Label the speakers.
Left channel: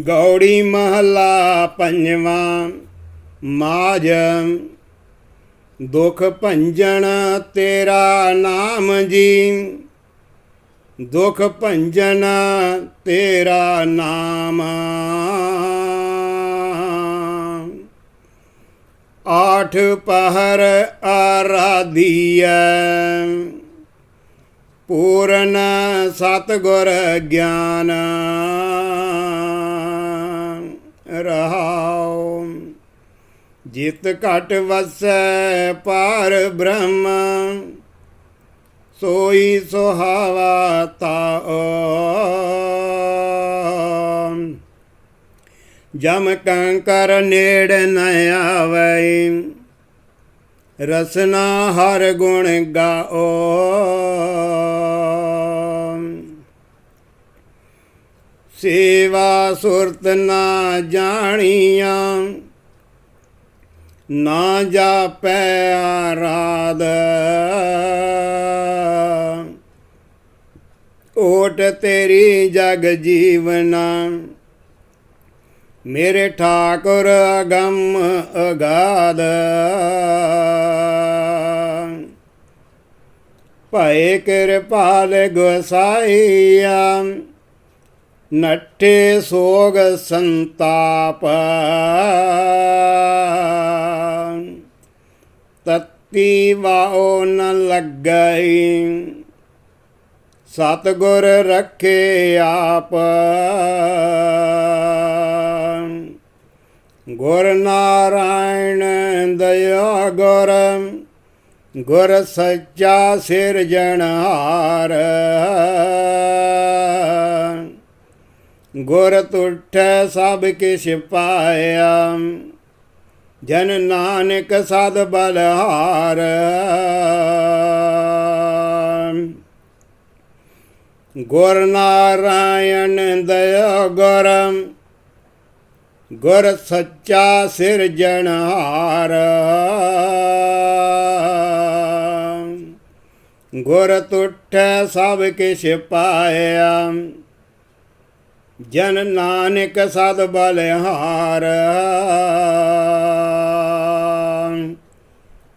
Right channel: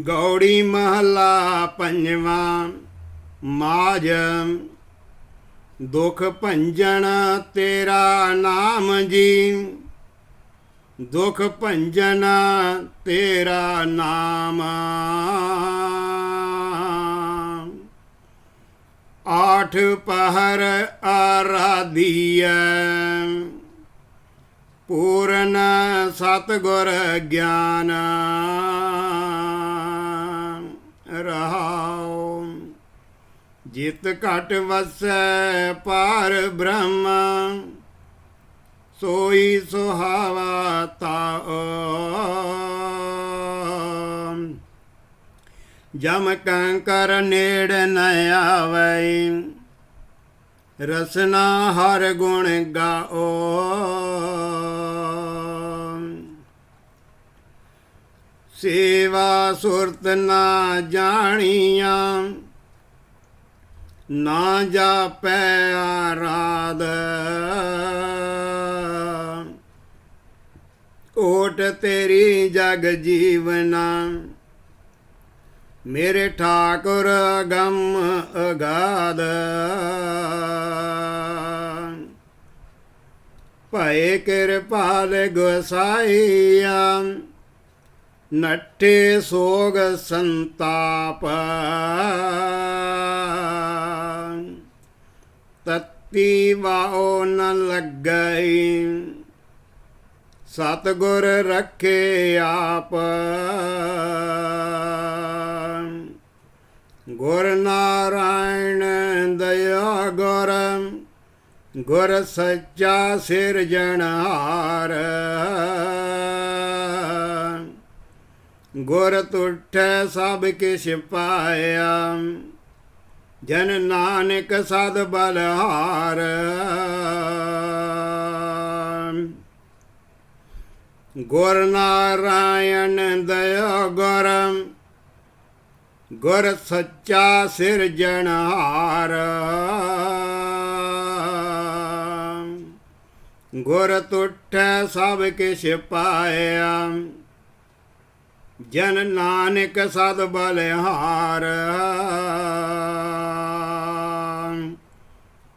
Speaker 1: ਗੌੜੀ ਮਹਲਾ ਪੰਜਵਾਂ ਮਾਜ ਦੁਖ ਭੰਜਨ ਤੇਰਾ ਨਾਮ ਜੀ। ਦੁਖ ਭੰਜਨ ਤੇਰਾ ਨਾਮ। ਆਠ ਪਹਰ ਆਰਾਧੀਐ। ਪੂਰਨ ਸਤਗੁਰ ਗਿਆਨ। ਜਿਤ ਘਟ ਵਸੈ ਪਾਰ ਬ੍ਰਹਮ। ਸੋਈ ਸੁਹਾਵਾ ਤਾਉ ਜਮ ਕੰਕਰ ਨੇੜ ਨ ਆਵੈ। ਰਸਨਾ ਹਰ ਗੁਣ ਗਾਓ। ਸੇਵਾ ਸੁਰਤ ਨਾ ਜਾਣੀਆਂ। ਨਾ ਜਾਪੈ ਆਰਾਧ। ਓਟ ਤੇਰੀ ਜਗ ਜੀਵਨਾ, ਮੇਰੇ ਠਾਕੁਰ ਅਗੰਮ ਅਗਾਧ। ਭਏ ਕਿਰਪਾਲ ਗੁਸਾਈਆ, ਨੱਠੇ ਸੋਗ ਸੰਤਾਪ। ਤਤੀ ਵਾਓ ਨ ਲੱਗਈ। ਸਤਗੁਰ ਰੱਖੇ ਆਪ। ਗੁਰ ਨਾਰਾਇਣ ਦਇਆ ਗੁਰ ਗੁਰ ਸੱਚਾ ਸਿਰਜਣਹਾਰ ਗੁਰ ਤੁਠੈ ਸਭ ਕਿਛ ਪਾਇਆ। ਜਨ ਨਾਨਕ ਸਦ ਬਲਹਾਰ। ਗੁਰ ਨਾਰਾਇਣ ਦਇਆ ਗੁਰ ਗੁਰ ਸੱਚਾ ਸਿਰਜਣਹਾਰ ਗੁਰ ਤੁਠੈ ਸਭ ਕਿਛ ਪਾਇਆ। ਜਨ ਨਾਨਕ ਸਦ ਬਲਿਹਾਰ।